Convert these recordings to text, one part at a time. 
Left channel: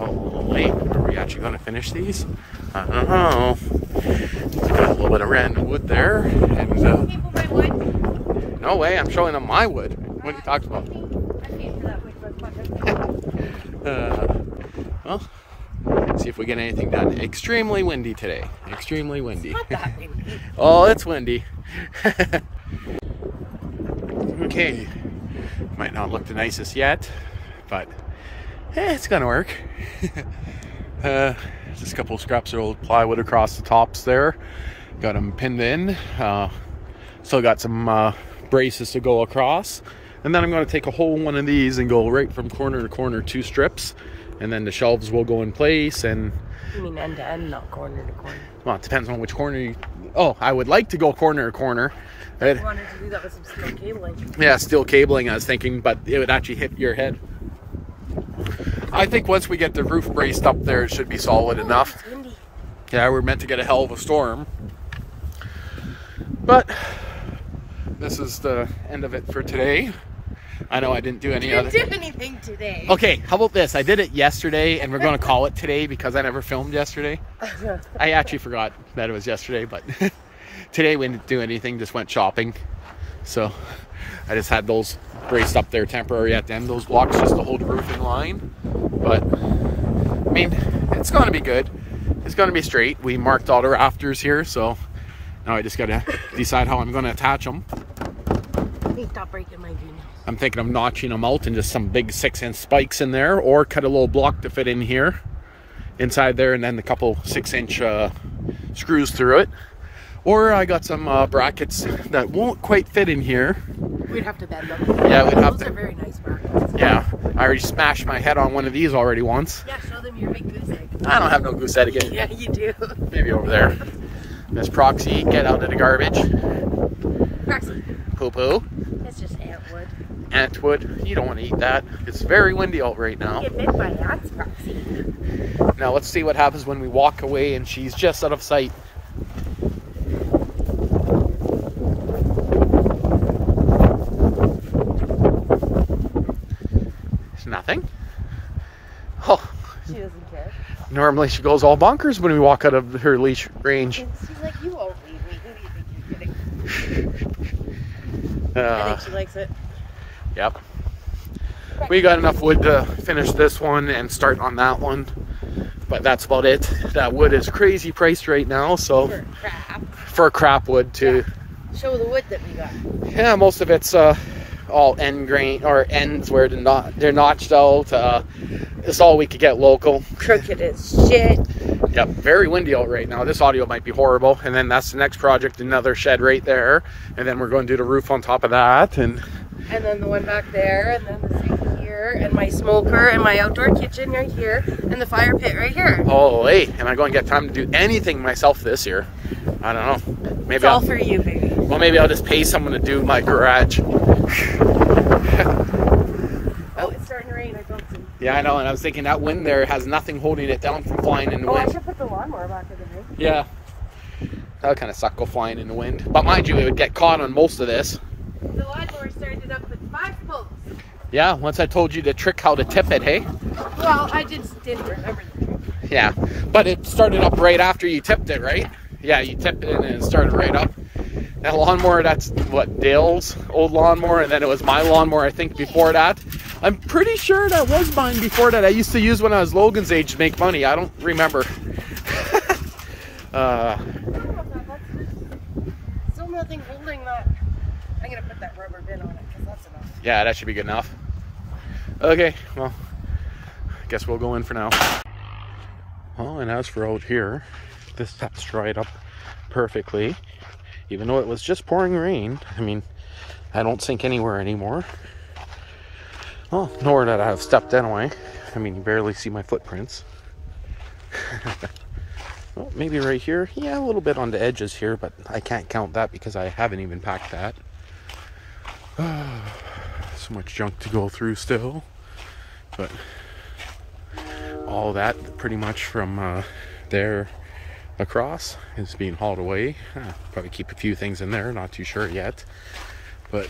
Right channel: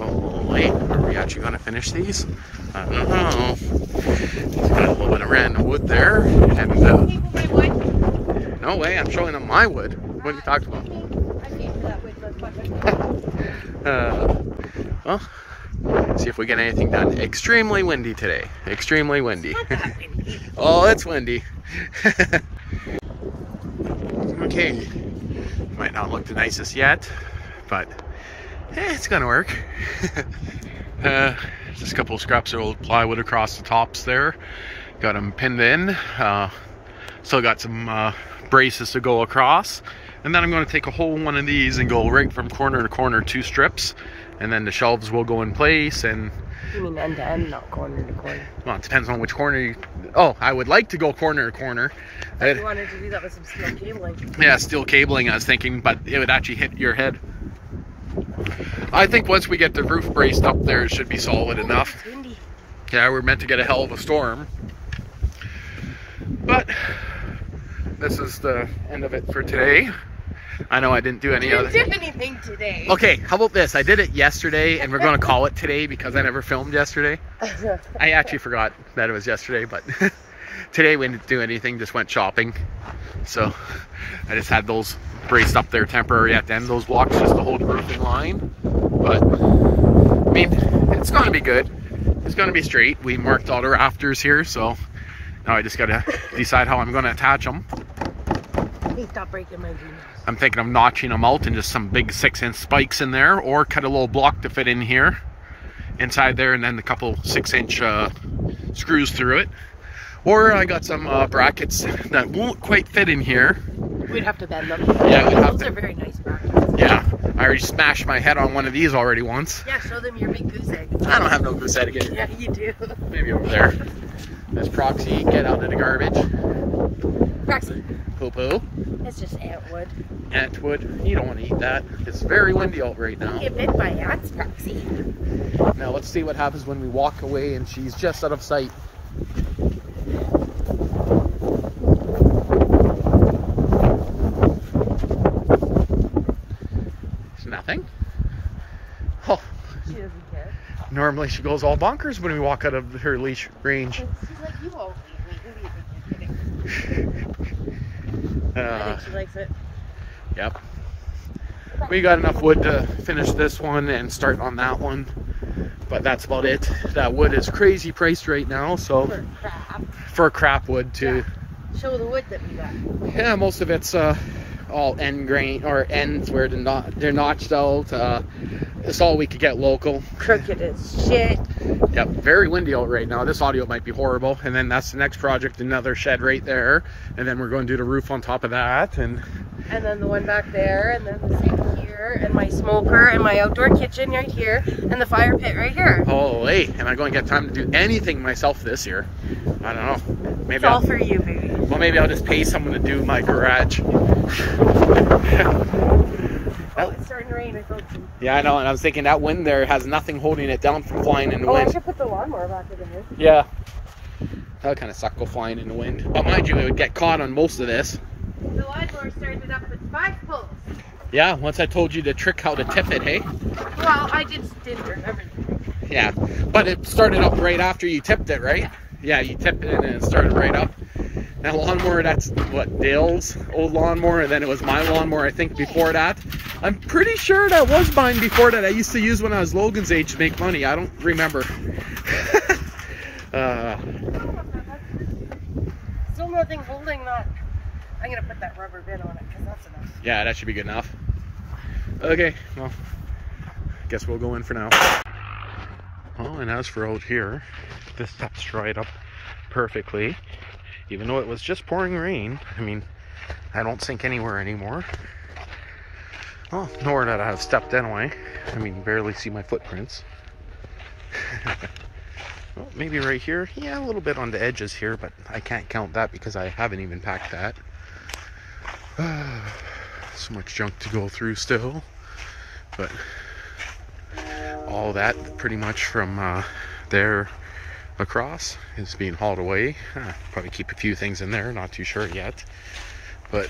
Oh, wait, are we actually going to finish these? I don't know. We got a little bit of random wood there, and no way, I'm showing them my wood. What are you talking about? Well, see if we get anything done. Extremely windy today. Extremely windy. Oh, it's windy. Okay, might not look the nicest yet, but it's gonna work. Just a couple of scraps of old plywood across the tops there. Got them pinned in. Still got some braces to go across. And then I'm going to take a whole one of these and go right from corner to corner, 2 strips. And then the shelves will go in place. And you mean end to end, not corner to corner? Well, it depends on which corner you... Oh, I would like to go corner to corner. I wanted to do that with some steel cabling. Yeah, steel cabling, I was thinking, but it would actually hit your head. I think once we get the roof braced up there, it should be solid enough. It's windy. Yeah, we're meant to get a hell of a storm. But this is the end of it for today. I know I didn't do any other... You didn't do anything today. Okay, how about this? I did it yesterday, and we're going to call it today because I never filmed yesterday. I actually forgot that it was yesterday, but today we didn't do anything, just went shopping. So I just had those braced up there temporary at the end, those blocks, just to hold the roof in line. But, I mean, it's going to be good. It's going to be straight. We marked all the rafters here, so now I just got to decide how I'm going to attach them. Please stop breaking my greenhouse. I'm thinking of notching them out and just some big 6-inch spikes in there, or cut a little block to fit in here, inside there, and then a couple 6-inch screws through it. Or I got some brackets that won't quite fit in here. We'd have to bend them. Yeah, we'd have Those to. are very nice brackets. Yeah, I already smashed my head on one of these already once. Yeah, show them your big goose egg. I don't have no goose egg again. Yeah, you do. Maybe over there. There's Proxy, get out of the garbage. Proxy. Poo-poo. It's just antwood. Antwood, you don't want to eat that. It's very windy out right now. You get bit by ants, Proxy. Now let's see what happens when we walk away and she's just out of sight. There's nothing. Oh. She doesn't care. Normally she goes all bonkers when we walk out of her leash range. She's like, you won't leave me. Who do you think you're kidding? I think she likes it. Yep. We got enough wood to finish this one and start on that one. But that's about it. That wood is crazy priced right now, so... For crap. For crap wood too. Yeah. Show the wood that we got. Yeah, most of it's all end grain, or ends where they're notched out. It's all we could get local. Crooked as shit. Yep, very windy out right now. This audio might be horrible. And then that's the next project, another shed right there. And then we're going to do the roof on top of that. And then the one back there, and then the sink here, and my smoker, and my outdoor kitchen right here, and the fire pit right here. Oh, hey, am I going to get time to do anything myself this year? I don't know. Maybe it's all for you, baby. Well, maybe I'll just pay someone to do my garage. Oh, it's starting to rain, I told you. Yeah, I know, and I was thinking that wind there has nothing holding it down from flying in the wind. I should put the lawnmower back in there. Yeah. That would kind of suck, go flying in the wind. But mind you, it would get caught on most of this. The lawnmower started up with 5 poles. Yeah, once I told you the trick how to tip it, hey? Well, I just didn't remember the trick. Yeah, but it started up right after you tipped it, right? Yeah, you tipped it in and it started right up. That lawnmower, that's what, Dale's old lawnmower, and then it was my lawnmower, I think, before that. I'm pretty sure that was mine before that. I used to use when I was Logan's age to make money. I don't remember. Still nothing holding that. I'm going to put that rubber bit on it, because that's enough. Yeah, that should be good enough. Okay, well, I guess we'll go in for now. Oh, and as for out here, this stuff's dried up perfectly. Even though it was just pouring rain. I mean, I don't sink anywhere anymore. Well, nor that I have stepped anyway. I mean, you barely see my footprints. Well, maybe right here. Yeah, a little bit on the edges here, but I can't count that because I haven't even packed that. So much junk to go through still. But all that pretty much from there across is being hauled away. Probably keep a few things in there, not too sure yet. But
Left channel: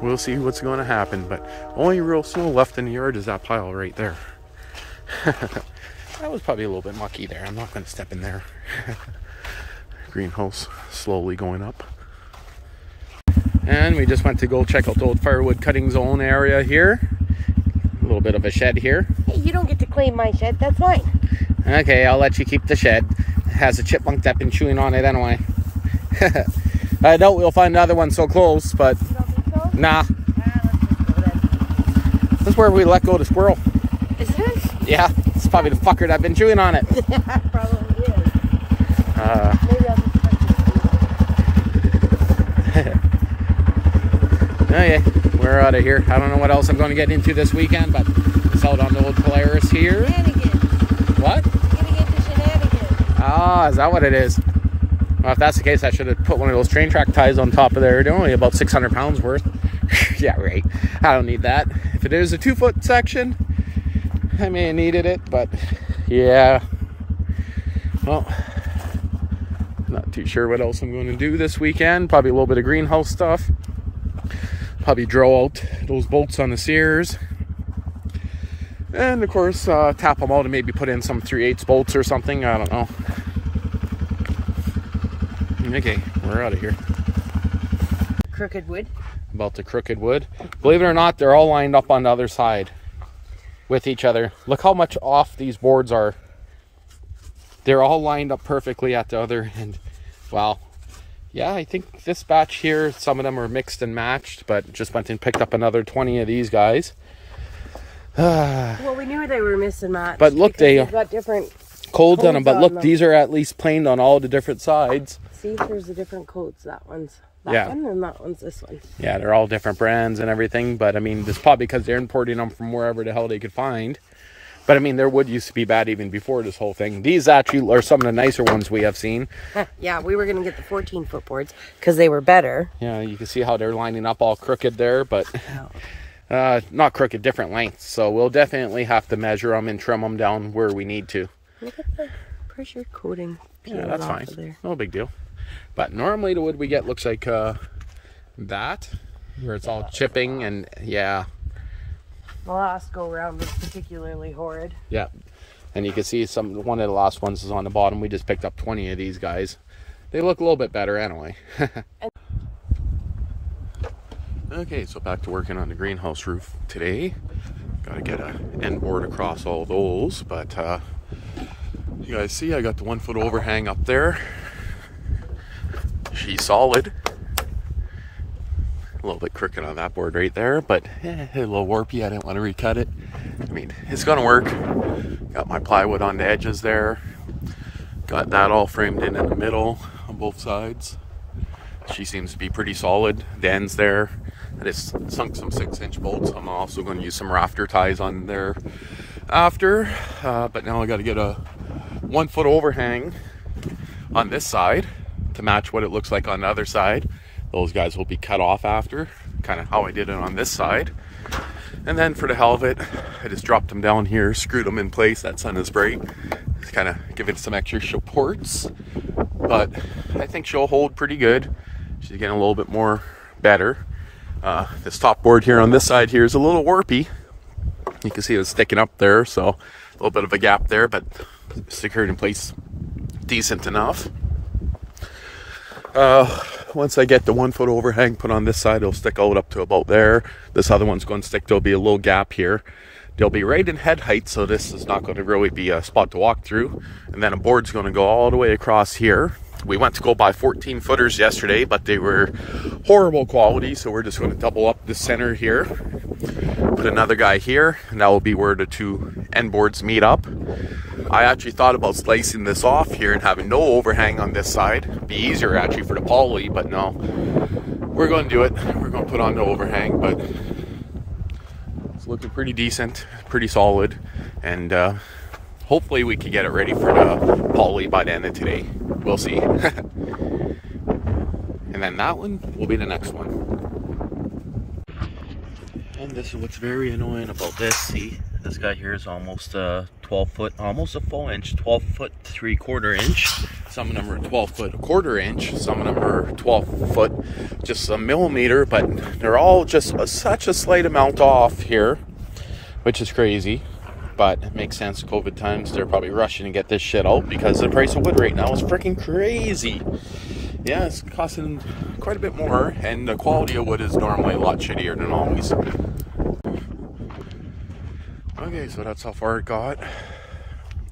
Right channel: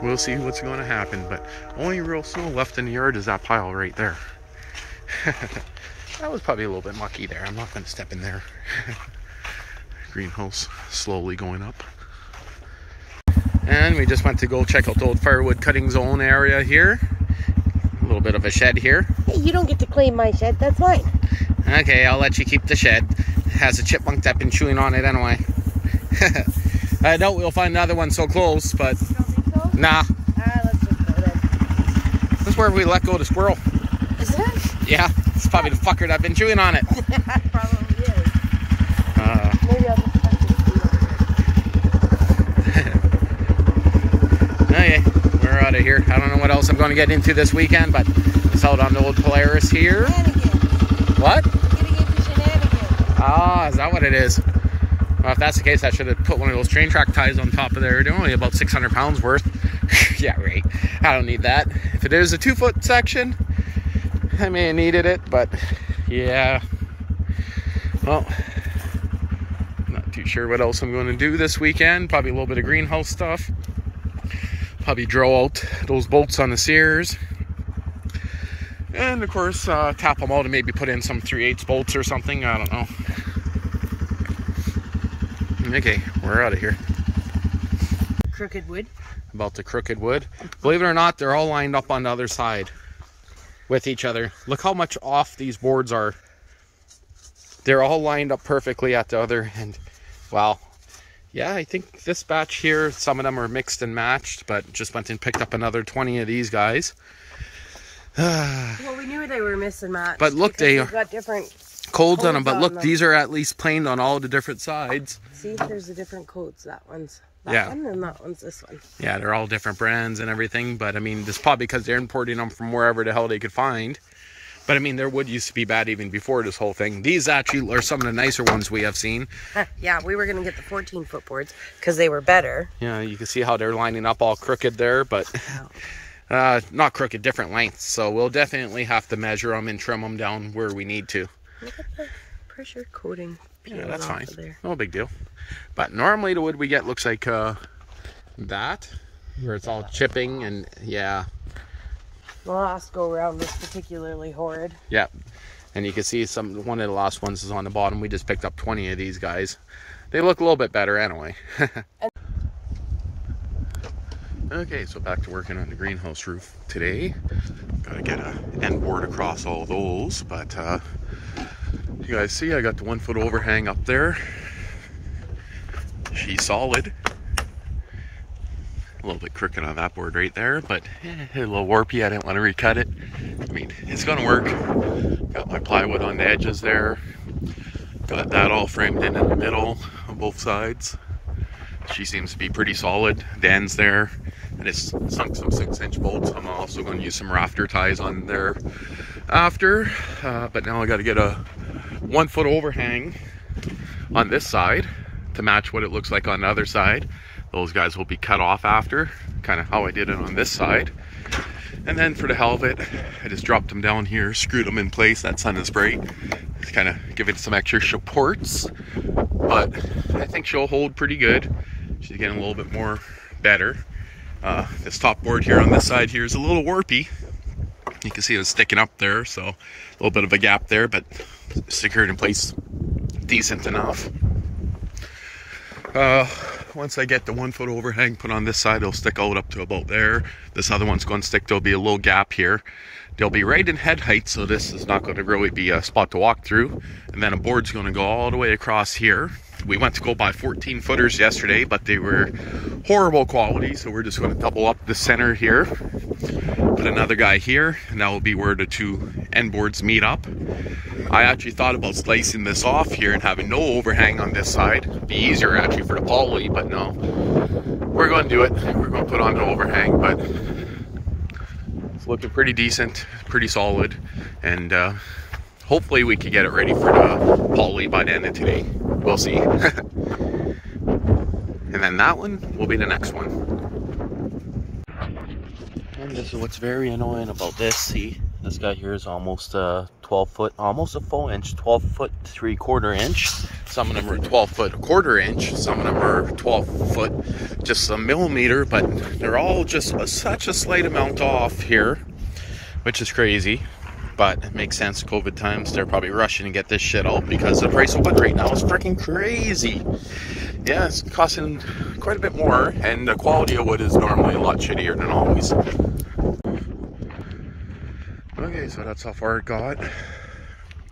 we'll see what's going to happen. But only real snow left in the yard is that pile right there. That was probably a little bit mucky there. I'm not going to step in there. Greenhouse slowly going up. And we just went to go check out the old firewood cutting zone area here. A little bit of a shed here. Hey, you don't get to claim my shed. That's mine. Okay, I'll let you keep the shed. It has a chipmunk that's been chewing on it anyway. I doubt we'll find another one so close, but You don't think so? nah. Let's just go then. This is where we let go the squirrel. Is it? Yeah, it's probably the fucker that's been chewing on it. Probably is. Maybe I'll just Okay, we're out of here. I don't know what else I'm going to get into this weekend, but it's out on the old Polaris here. What? You're getting into shenanigans. Ah, is that what it is? Well, if that's the case, I should have put one of those train track ties on top of there. They're only about 600 pounds worth. Yeah, right. I don't need that. If it is a 2-foot section, I may have needed it, but yeah. Well, not too sure what else I'm going to do this weekend. Probably a little bit of greenhouse stuff. Probably draw out those bolts on the Sears. And of course, tap them out and maybe put in some 3/8 bolts or something. I don't know. Okay, we're out of here. Crooked wood. About the crooked wood. Believe it or not, they're all lined up on the other side with each other. Look how much off these boards are. They're all lined up perfectly at the other end. Wow. Yeah, I think this batch here, some of them are mixed and matched, but just went and picked up another 20 of these guys. Well, we knew they were missing matched. But look, they've got different codes on them. But look, them. these are at least planed on all the different sides. See, there's the different codes. That one's that Yeah. one, and that one's this one. Yeah, they're all different brands and everything. But I mean, this is probably because they're importing them from wherever the hell they could find. But I mean, their wood used to be bad even before this whole thing. These actually are some of the nicer ones we have seen. Yeah, we were going to get the 14-foot boards because they were better. Yeah, you can see how they're lining up all crooked there, but not crooked, different lengths. So we'll definitely have to measure them and trim them down where we need to. Look at the pressure coating. Yeah, that's fine. No big deal. But normally the wood we get looks like that, where it's all chipping and yeah. The last go around was particularly horrid. Yeah, and you can see one of the last ones is on the bottom. We just picked up 20 of these guys. They look a little bit better anyway. Okay, so back to working on the greenhouse roof today. Gotta get an end board across all those, but you guys see I got the 1-foot overhang up there. She's solid. A little bit crooked on that board right there, but a little warpy. I didn't want to recut it. I mean, it's gonna work. Got my plywood on the edges there. Got that all framed in the middle on both sides. She seems to be pretty solid. The ends there. I just sunk some 6-inch bolts. I'm also going to use some rafter ties on there after. But now I got to get a 1-foot overhang on this side to match what it looks like on the other side. Those guys will be cut off after, kind of how I did it on this side. And then for the hell of it, I just dropped them down here, screwed them in place. That sun is bright. Just kind of giving some extra supports. But I think she'll hold pretty good. She's getting a little bit more better. This top board here on this side here is a little warpy. You can see it was sticking up there, so a little bit of a gap there, but secured in place decent enough. Once I get the 1-foot overhang put on this side, it'll stick out up to about there. This other one's going to stick. There'll be a little gap here. They'll be right in head height, so this is not going to really be a spot to walk through. And then a board's going to go all the way across here. We went to go buy 14-footers yesterday, but they were horrible quality, so we're just going to double up the center here. Put another guy here, and that will be where the 2 end boards meet up. I actually thought about slicing this off here and having no overhang on this side. It'd be easier actually for the poly, but no. We're going to do it. We're going to put on the overhang, but it's looking pretty decent, pretty solid, and hopefully we could get it ready for the poly by the end of today. We'll see. And then that one will be the next one. And this is what's very annoying about this. See, This guy here is almost 12 foot, almost a full inch, 12 foot 3/4 inch. Some of them are 12 foot 1/4 inch. Some of them are 12 foot, just a millimeter, but they're all just such a slight amount off here, which is crazy. But it makes sense, COVID times. They're probably rushing to get this shit out because the price of wood right now is freaking crazy. Yeah, it's costing quite a bit more, and the quality of wood is normally a lot shittier than always. Okay, so that's how far it got.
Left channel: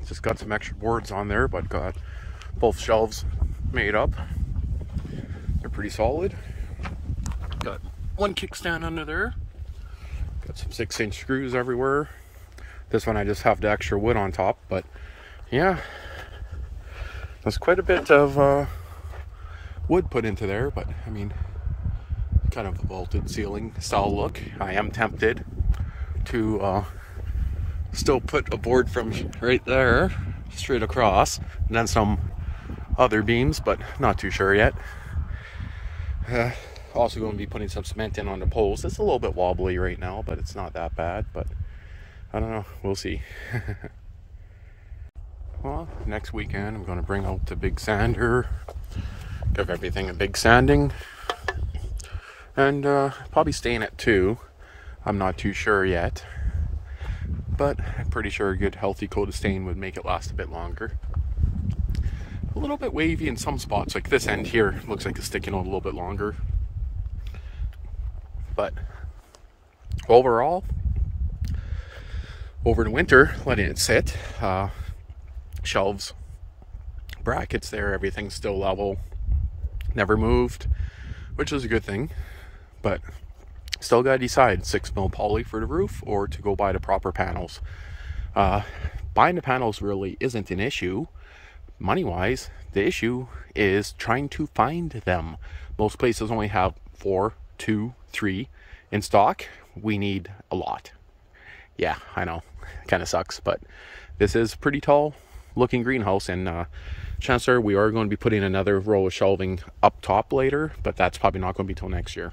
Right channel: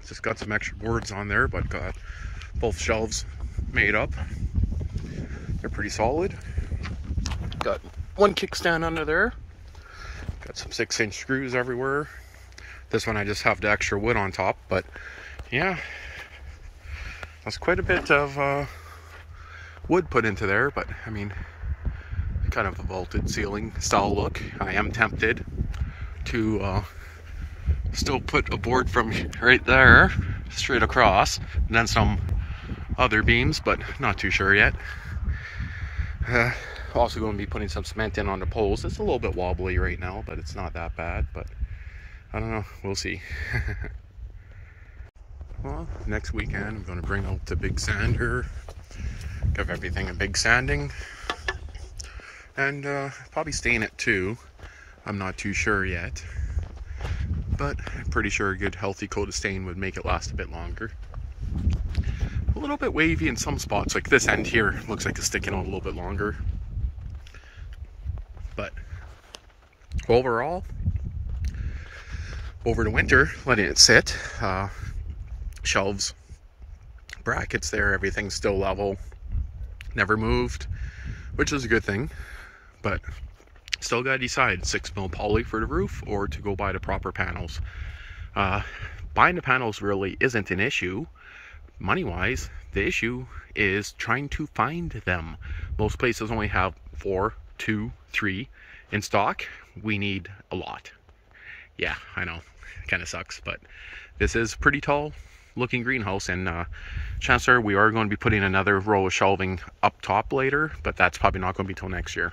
Just got some extra boards on there, but got both shelves made up. They're pretty solid. Got one kickstand under there. Got some 6-inch screws everywhere. This one I just have the extra wood on top, but yeah, there's quite a bit of wood put into there, but I mean, kind of a vaulted ceiling style look. I am tempted to still put a board from right there straight across, and then some other beams, but not too sure yet. Also going to be putting some cement in on the poles. It's a little bit wobbly right now, but it's not that bad, but I don't know, we'll see. Well, next weekend I'm going to bring out the big sander, give everything a big sanding, and probably stain it too. I'm not too sure yet, but I'm pretty sure a good healthy coat of stain would make it last a bit longer. A little bit wavy in some spots, like this end here looks like it's sticking out a little bit longer, but overall, over the winter, letting it sit, shelves, brackets there, everything's still level, never moved, which is a good thing, but still gotta decide 6mm poly for the roof or to go buy the proper panels. Buying the panels really isn't an issue money wise. The issue is trying to find them. Most places only have 4, 2, 3 in stock. We need a lot. Yeah, I know, kind of sucks, but this is pretty tall looking greenhouse, and chances are we are going to be putting another row of shelving up top later, but that's probably not going to be till next year.